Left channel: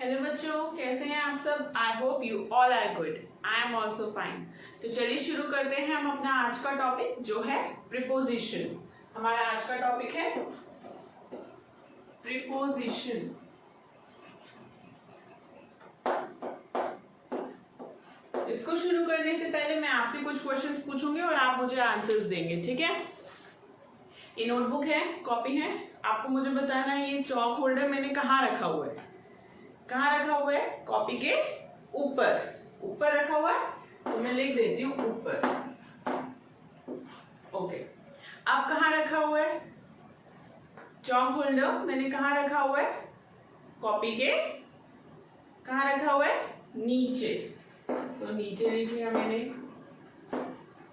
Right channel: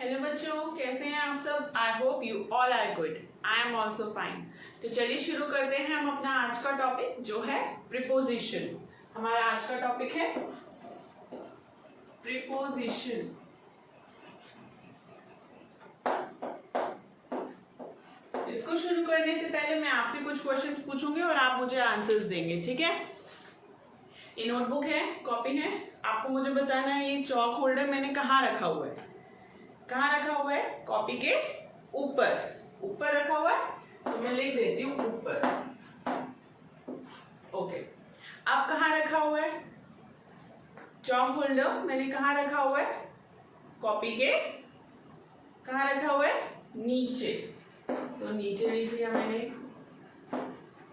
Hello बच्चों, कैसे हैं आप सब। I hope you all are good. I am also fine. तो चलिए शुरू करते हैं हम अपना आज का टॉपिक जो है प्रीपोजिशन। हमारा आज का टॉपिक है प्रीपोजिशन। इसको शुरू करने से पहले मैं आपसे कुछ क्वेश्चंस पूछूंगी और आप मुझे आंसर्स देंगे, ठीक है। ये नोटबुक है, कॉपी है, आपको मुझे बताना है ये चॉक होल्डर मैंने कहाँ रखा हुआ है। कहाँ रखा हुआ है? कॉपी के ऊपर रखा हुआ है, तो मैं लिख देती हूँ ऊपर। ओके, अब कहाँ रखा हुआ है चॉक होल्डर? मैंने कहाँ रखा हुआ है? कॉपी के कहाँ रखा हुआ है? नीचे, तो नीचे लिख लिया मैंने।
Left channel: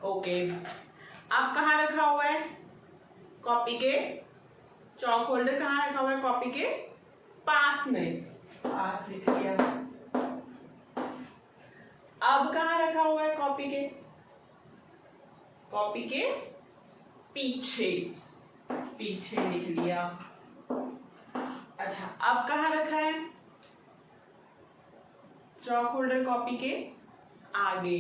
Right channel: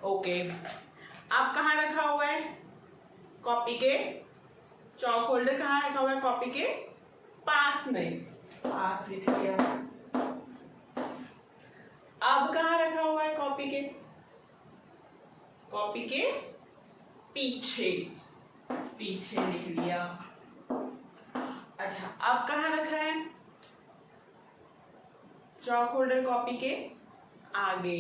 ओके, अब कहाँ रखा हुआ है? कॉपी के चॉक होल्डर कहाँ रखा हुआ है? कॉपी के पास में, पास लिख लिया। अब कहाँ रखा हुआ है? कॉपी के पीछे लिख लिया। अच्छा, अब कहाँ रखा है चॉक होल्डर? कॉपी के आगे।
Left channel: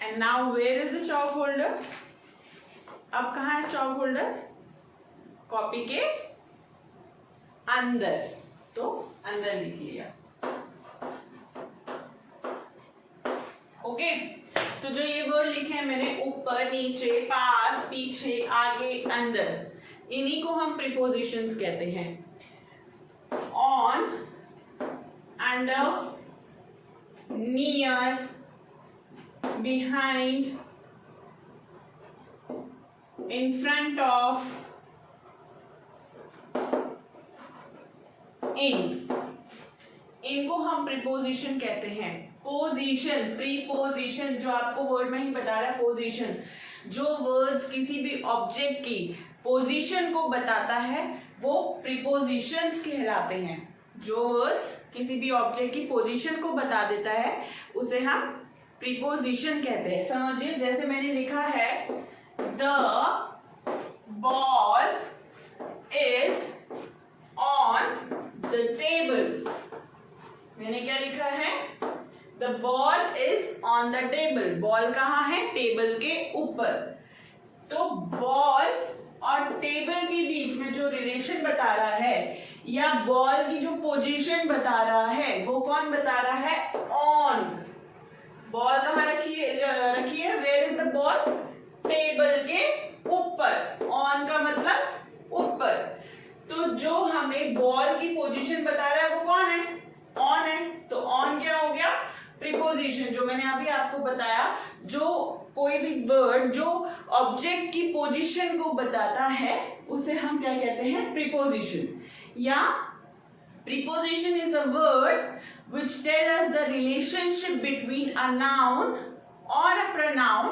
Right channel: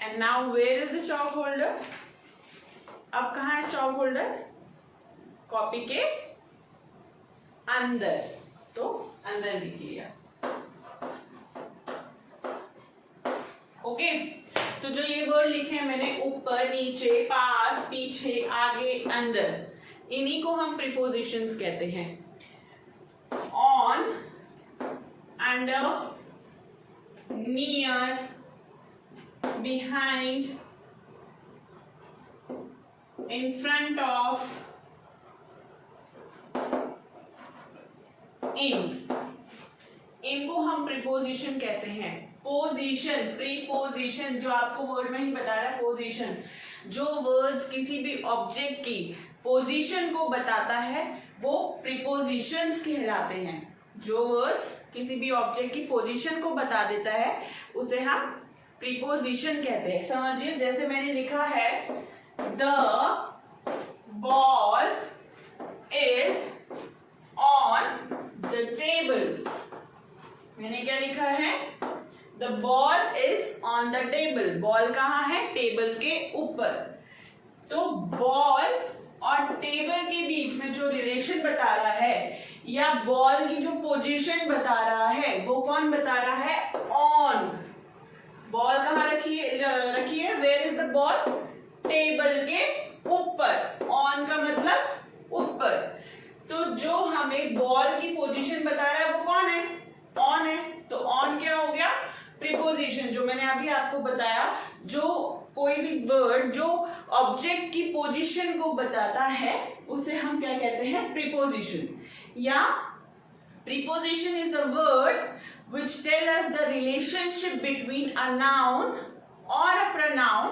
And now where is the chalk holder? अब कहाँ है चॉक होल्डर? कॉपी के अंदर, तो अंदर लिख लिया। ओके, तो जो ये वर्ड लिखे हैं मैंने, ऊपर, नीचे, पास, पीछे, आगे, अंदर, इन्हीं को हम प्रीपोजिशंस कहते हैं। On, under, near, behind, in front of, इनको हम प्रीपोजिशन कहते हैं। पोजीशन, प्रीपोजिशन जो आपको वर्ड में ही बता रहा है, पोजीशन। जो वर्ड्स किसी भी ऑब्जेक्ट की पोजीशन को बताता है वो प्रीपोजिशंस कहलाते हैं। जो वर्ड्स किसी भी ऑब्जेक्ट की पोजीशन को बता देता है उसे हम प्रीपोजिशन कहते हैं। समझिए, जैसे मैंने लिखा है the ball is on the table। मैंने क्या लिखा है? The ball is on the table। Ball कहाँ है? टेबल के ऊपर। तो बॉल और टेबल के बीच में जो रिलेशन बता रहा है या बॉल की जो पोजीशन बता रहा है वो कौन बता रहा है? ऑन। बॉल कहाँ रखी है? Where is the ball? Table के ऊपर। ऑन का मतलब ऊपर। तो जो हमें बॉल की पोजीशन बता रहा है वो कौन है? ऑन है। तो ऑन क्या हो गया? प्रीपोजिशन। जो मैंने अभी आपको बताया, जो कोई भी वर्ड जो ऑब्जेक्ट की पोजीशन को बताता है उसे हम क्या कहते हैं? प्रीपोजिशन। या preposition is a word which tell us the relationship between a noun or a pronoun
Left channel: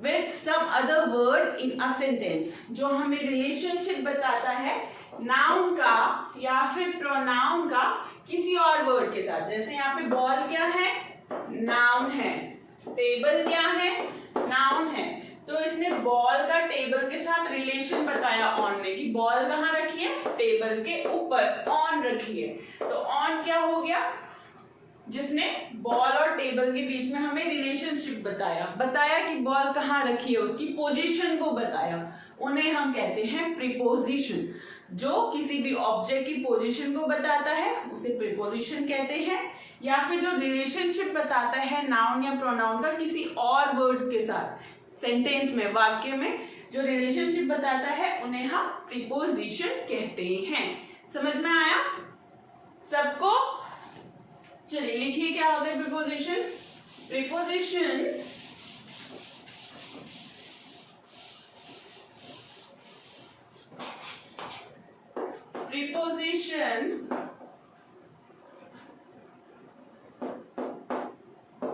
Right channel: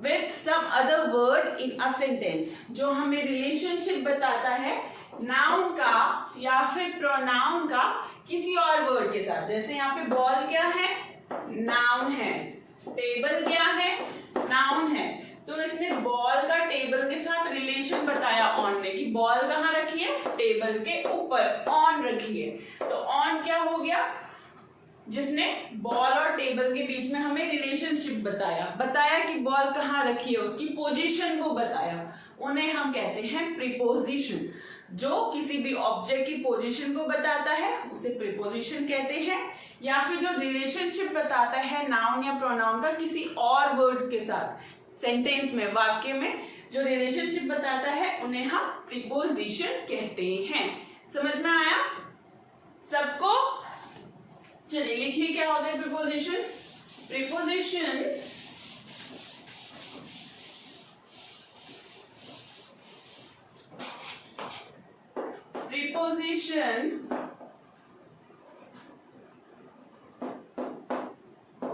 with some other word in a sentence। जो हमें रिलेशनशिप बताता है नाउन का या फिर प्रोनाउन का किसी और वर्ड के साथ। जैसे यहाँ पे बॉल क्या है? नाउन है। टेबल क्या है? नाउन है। तो इसने बॉल का टेबल के साथ रिलेशन बताया ऑन ने, कि बॉल कहाँ रखी है? टेबल के ऊपर, ऑन रखी है। तो ऑन क्या हो गया? जिसने बॉल और टेबल के बीच में हमें रिलेशनशिप बताया कि बॉल कहाँ रखी है, उसकी पोजीशन को बताया, उन्हें हम कहते हैं प्रीपोजिशन। जो किसी भी ऑब्जेक्ट की पोजीशन को बताता है उसे प्रीपोजिशन कहते हैं। या फिर जो रिलेशनशिप बताता है नाउन या प्रोनाउन का किसी और वर्ड्स के साथ, सेंटेंस में, वाक्य में जो रिलेशनशिप बताता है उन्हें हम प्रीपोजिशन कहते हैं। समझ में आया सबको? चलिए लिखिए क्या होता है preposition. Preposition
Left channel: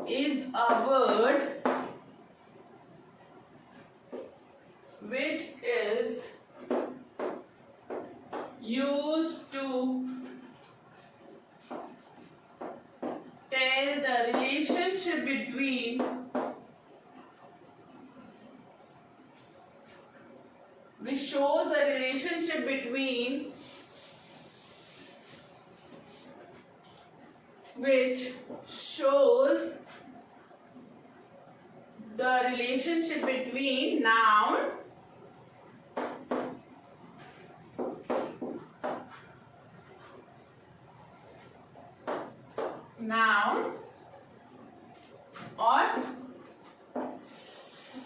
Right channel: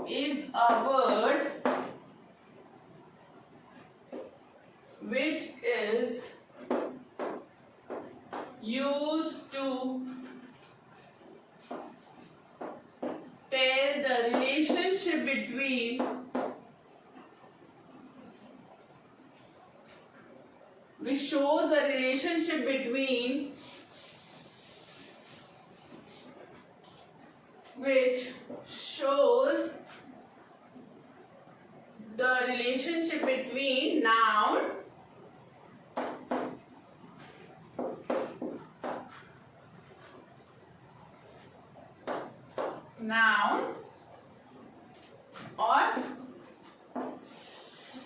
is a word which is used to tell the relationship between which shows the relationship between noun or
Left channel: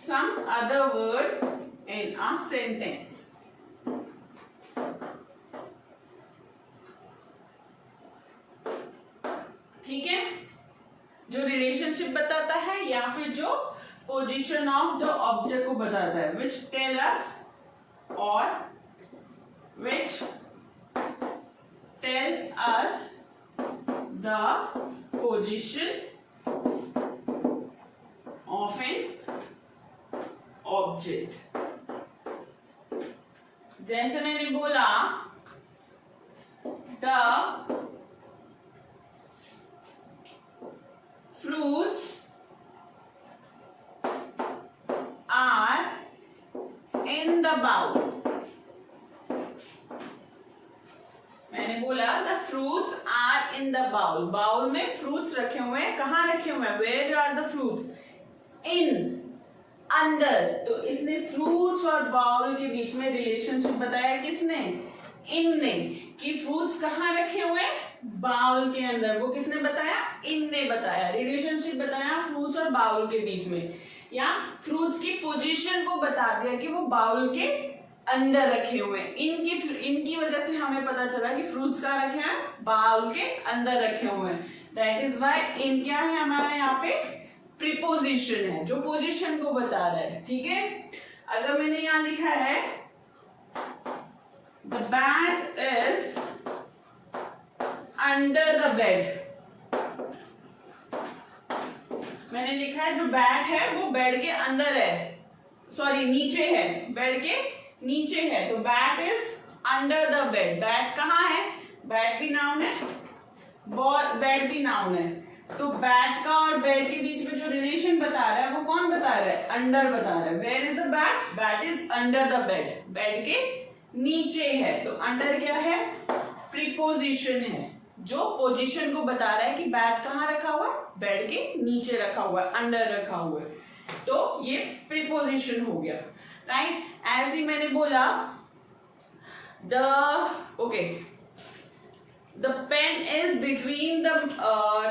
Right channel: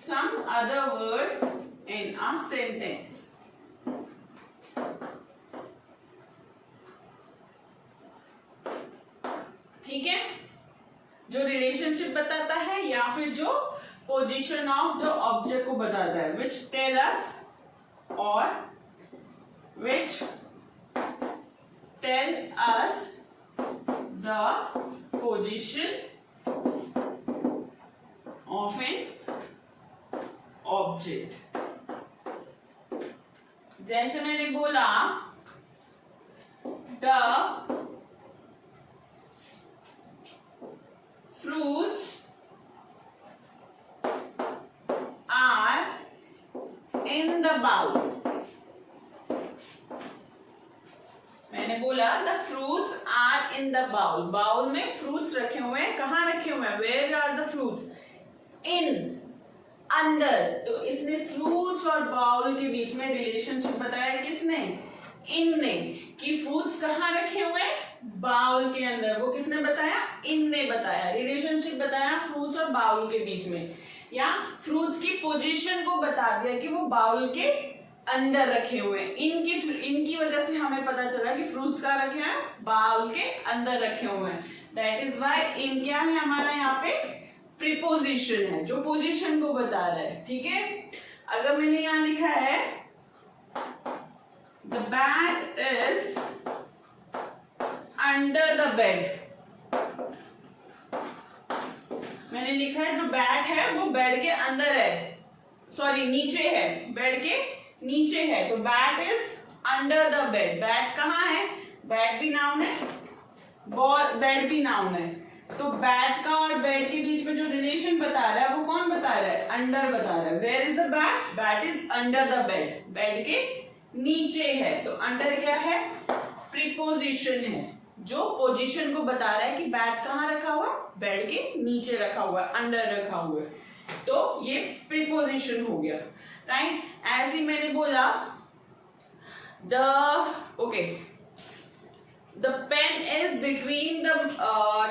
some other word in a sentence. ठीक है, जो रिलेशनशिप बताता है या फिर जो पोजीशन ऑफ द ऑब्जेक्ट को बताता है, विच टेल अस और which tell us the position of an object. जैसे मैंने बोला the fruits are in the bowl. मैंने बोला the fruits are in the bowl. Bowl में फ्रूट्स रखे हुए हैं. कहाँ रखे हुए हैं? Where are the fruits? In, अंदर. तो इसने फ्रूट्स और बाउल के बीच में रिलेशनशिप बताया. किसने? इन ने. कि फ्रूट्स कहाँ रखे हुए हैं? बाउल के अंदर. वो किसने बताया? इन ने बताया. रिलेशनशिप बताया फ्रूट्स और बाउल के बीच में, या फ्रूट्स की पोजीशन को बता दिया कि वो बाउल के अंदर रखे हुए हैं. इनकी वजह से हमें पता चला कि फ्रूट्स कहाँ रखे हैं? बाउल के अंदर रखे हुए हैं. दैट इज वाई इन क्या है हमारा यहाँ पे? प्रीपोजिशन है, जो पोजीशन को बता रहा है. ठीक है. अगर मैंने यहाँ लिखा है the bat is under the bed. मैंने लिखा है जो बैट है वो बेड के अंदर है, सॉरी नीचे है, बेड के नीचे है. तो bat is under the bed. Bat कहाँ है? बैट भी नाउन है, बेड भी नाउन है. तो बैट का और बेड के बीच में जो रिलेशन बता रहा है वो कौन बता रहा है? अंडर बता रहा है. Where is the bat? Bat is under the bed. Bed के नीचे है. तो अंडर क्या है? प्रीपोजिशन है, जो पोजीशन को बता रहा है कि बैट कहाँ रखा हुआ है? बेड के नीचे रखा हुआ है, अंडर रखा हुआ है. तो ये प्रीपोजिशन हो गया. राइट. ऐसे ही मैंने बोला the pen is between the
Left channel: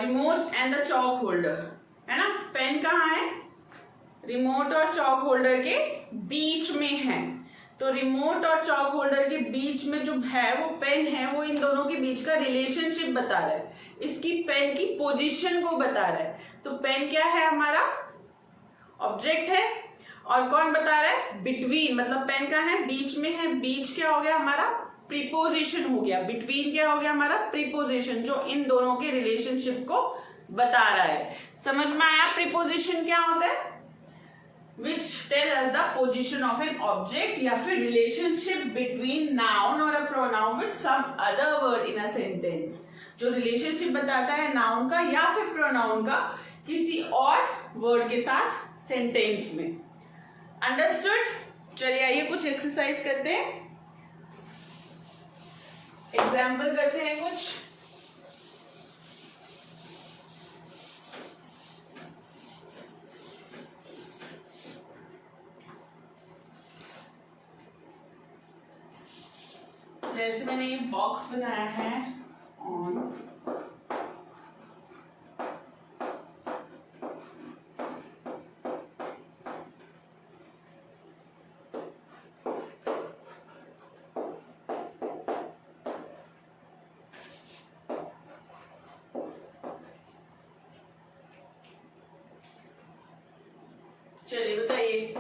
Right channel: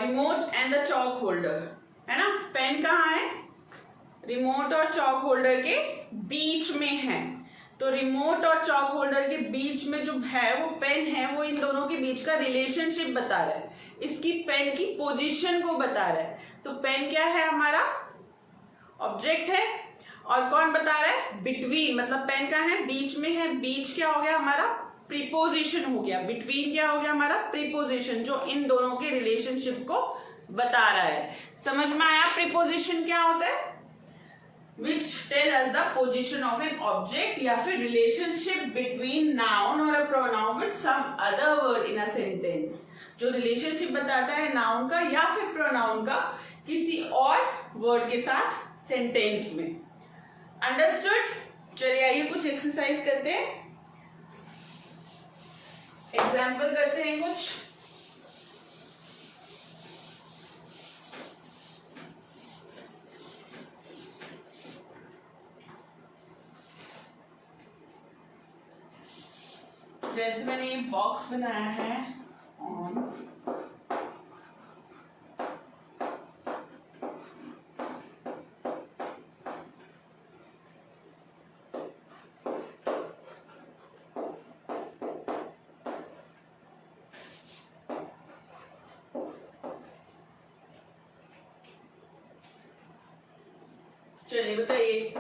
remote and the chalk holder. है ना. पेन कहाँ है? रिमोट और चॉक होल्डर के बीच में है. तो रिमोट और चॉक होल्डर के बीच में जो है वो पेन है, वो इन दोनों के बीच का रिलेशनशिप बता रहा है. इसकी पेन की पोजीशन को बता रहा है. तो पेन क्या है? हमारा ऑब्जेक्ट है. और कौन बता रहा है? बिटवीन. मतलब पेन का है? बीच में है. बीच क्या हो गया हमारा? प्रीपोजिशन हो गया. बिटवीन क्या हो गया हमारा? प्रीपोजिशन, जो इन दोनों के रिलेशनशिप को बता रहा है. समझ में आया प्रीपोजिशन क्या होता है? which tell us the position of an object या फिर relationship between noun or a pronoun with some other word in a sentence. जो रिलेशनशिप बताता है नाउन का या फिर प्रोनाउन का किसी और वर्ड के साथ सेंटेंस में. अंडरस्टूड. चलिए आइए कुछ एक्सरसाइज करते हैं, एग्जाम्पल करते हैं कुछ. जैसे मैंने ये बॉक्स बनाया है ऑन, चलिए बताइए.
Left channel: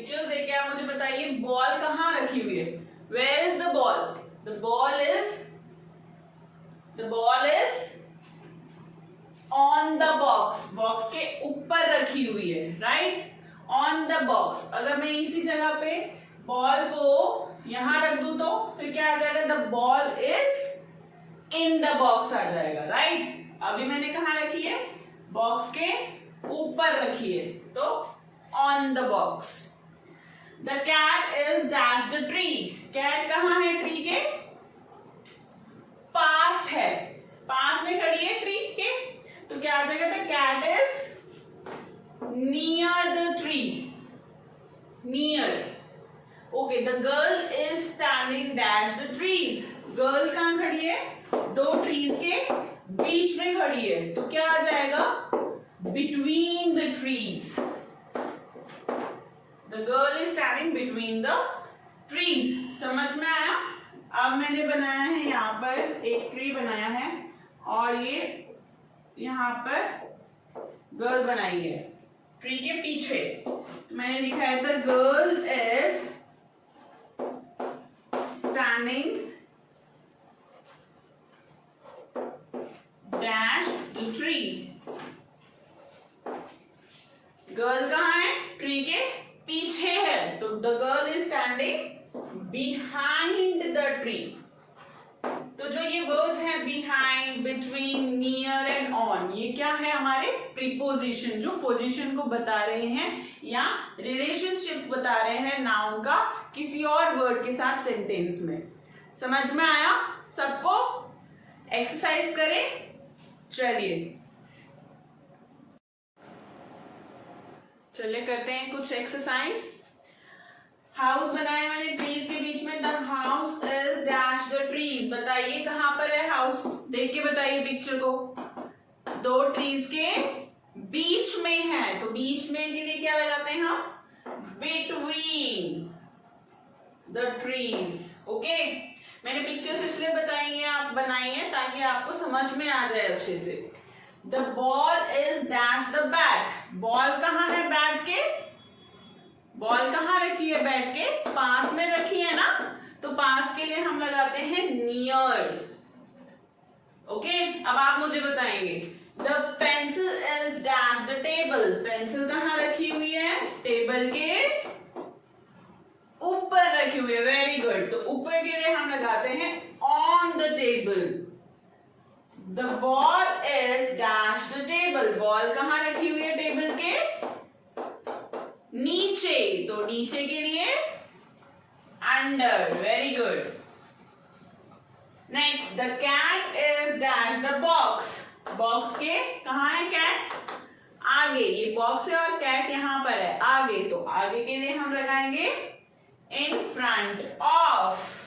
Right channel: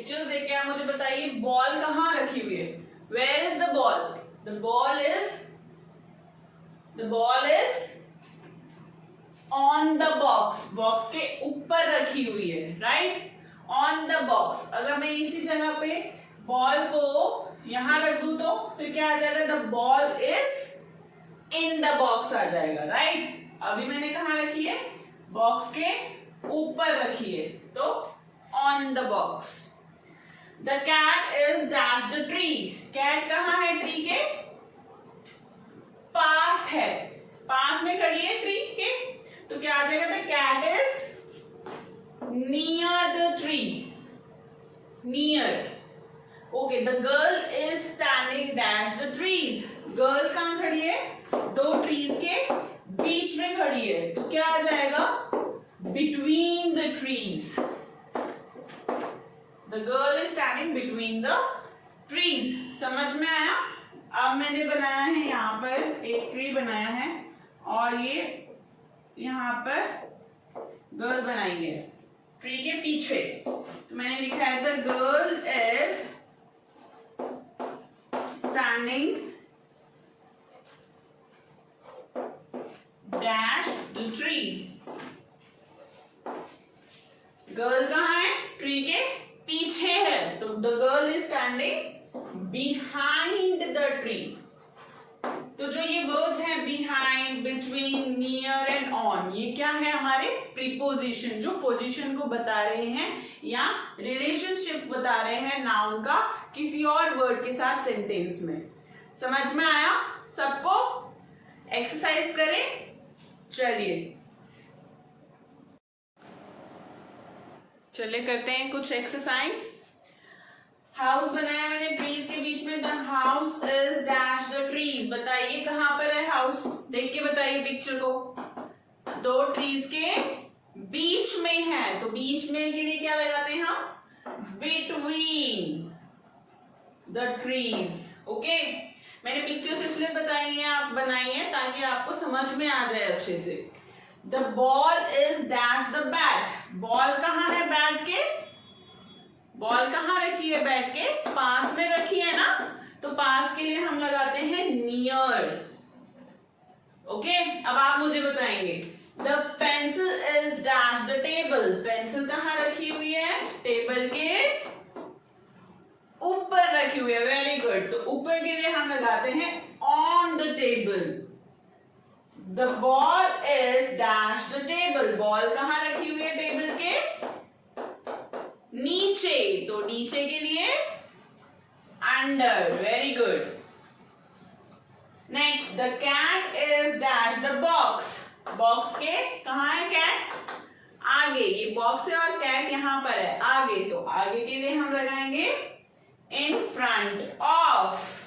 पिक्चर्स देख के आप मुझे बताइए बॉल कहाँ रखी हुई है. Where is the ball? The ball is on the box. Box के ऊपर रखी हुई है. Right, on the box. अगर मैं इसी जगह पे बॉल को यहां रख दूं तो फिर क्या आ जाएगा? The ball is in the box आ जाएगा. राइट, अभी मैंने कहा रखी है? बॉक्स के ऊपर रखी है, तो on the box. The cat is dash the tree. Cat कहाँ है? ट्री के पास है. पास में खड़ी है ट्री के, तो क्या आ जाएगा? The cat is near the tree. Near. Okay. The girl is standing dash the trees. Girl कहाँ खड़ी है? दो ट्रीज के बीच में खड़ी है, तो क्या आ जाएगा? Between the trees. The girl is standing between the trees. समझ में आया? अब मैंने बनाया है यहाँ पर एक ट्री बनाया है और ये यहाँ पर गर्ल बनाई है ट्री के पीछे. तो मैंने लिखा है the girl is standing dash the tree. Girl कहाँ है? ट्री के पीछे है, तो the girl is standing behind the tree. तो जो ये वर्ड्स हैं behind, between, near and on, ये क्या है? हमारे प्रीपोजिशन, जो पोजीशन को बता रहे हैं या रिलेशनशिप बता रहे हैं नाउन का किसी और वर्ड के साथ सेंटेंस में. समझ में आया सबको? एक्सरसाइज करें. चलिए करते हैं कुछ एक्सरसाइज. हाउस बनाया मैंने ट्रीज के बीच में. The house is dash the trees. बताइए कहां पर है हाउस? देख के बताइए पिक्चर को. दो ट्रीज के बीच में है, तो बीच में के लिए क्या लगाते हैं हम? Between the trees. ओके. मैंने पिक्चर्स इसलिए बनाई है ताकि आपको समझ में आ जाए अच्छे से. The ball is dash the bat. Ball कहाँ है? बैट के. बॉल कहाँ रखी है? बैट के पास में रखी है ना, तो पास के लिए हम लगाते हैं नियर. ओके. अब आप मुझे बताएंगे the pencil is dash the table. Pencil कहाँ रखी हुई है? टेबल के ऊपर रखी हुई है. Very good. तो ऊपर के लिए हम लगाते हैं on the table. The ball is dash the table. Ball कहाँ रखी हुई है? टेबल के नीचे, तो नीचे के लिए under. Very good. Next, the cat is dash the box. Box के कहाँ है? कैट आगे. ये बॉक्स है और कैट यहां पर है आगे, तो आगे के लिए हम लगाएंगे इन फ्रंट ऑफ.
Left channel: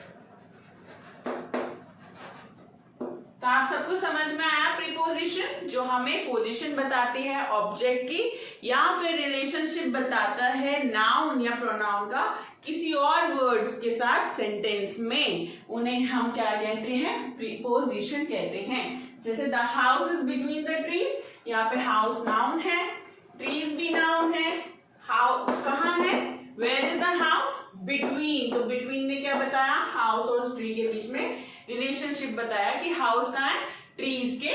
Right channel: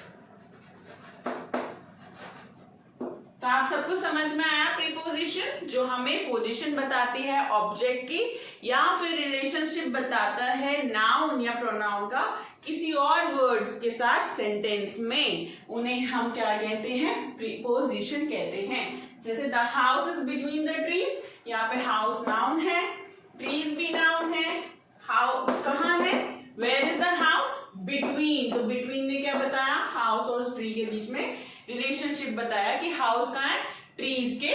तो आप सबको समझ में आया प्रीपोजिशन, जो हमें पोजीशन बताती है ऑब्जेक्ट की या फिर रिलेशनशिप बताता है नाउन या प्रोनाउन का किसी और वर्ड्स के साथ सेंटेंस में. उन्हें हम क्या कहते हैं? प्रीपोजिशन कहते हैं. जैसे the house is between the trees. यहाँ पे हाउस नाउन है, ट्रीज भी नाउन है. हाउस कहाँ है? Where is the house? Between. तो बिटवीन ने क्या बताया? हाउस और ट्री के बीच में रिलेशनशिप बताया कि हाउस कहाँ है? ट्रीज के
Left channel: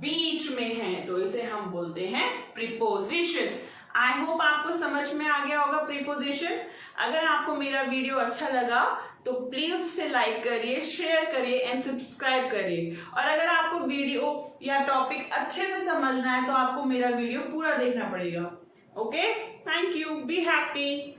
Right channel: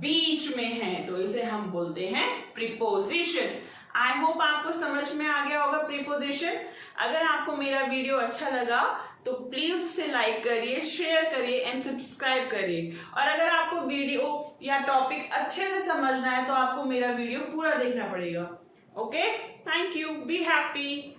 बीच में है, तो इसे हम बोलते हैं प्रीपोजिशन. आई होप आपको समझ में आ गया होगा प्रीपोजिशन. अगर आपको मेरा वीडियो अच्छा लगा तो प्लीज उसे लाइक करिए, शेयर करिए एंड सब्सक्राइब करिए. और अगर आपको वीडियो या टॉपिक अच्छे से समझना है तो आपको मेरा वीडियो पूरा देखना पड़ेगा. Okay. Thank you. Be happy.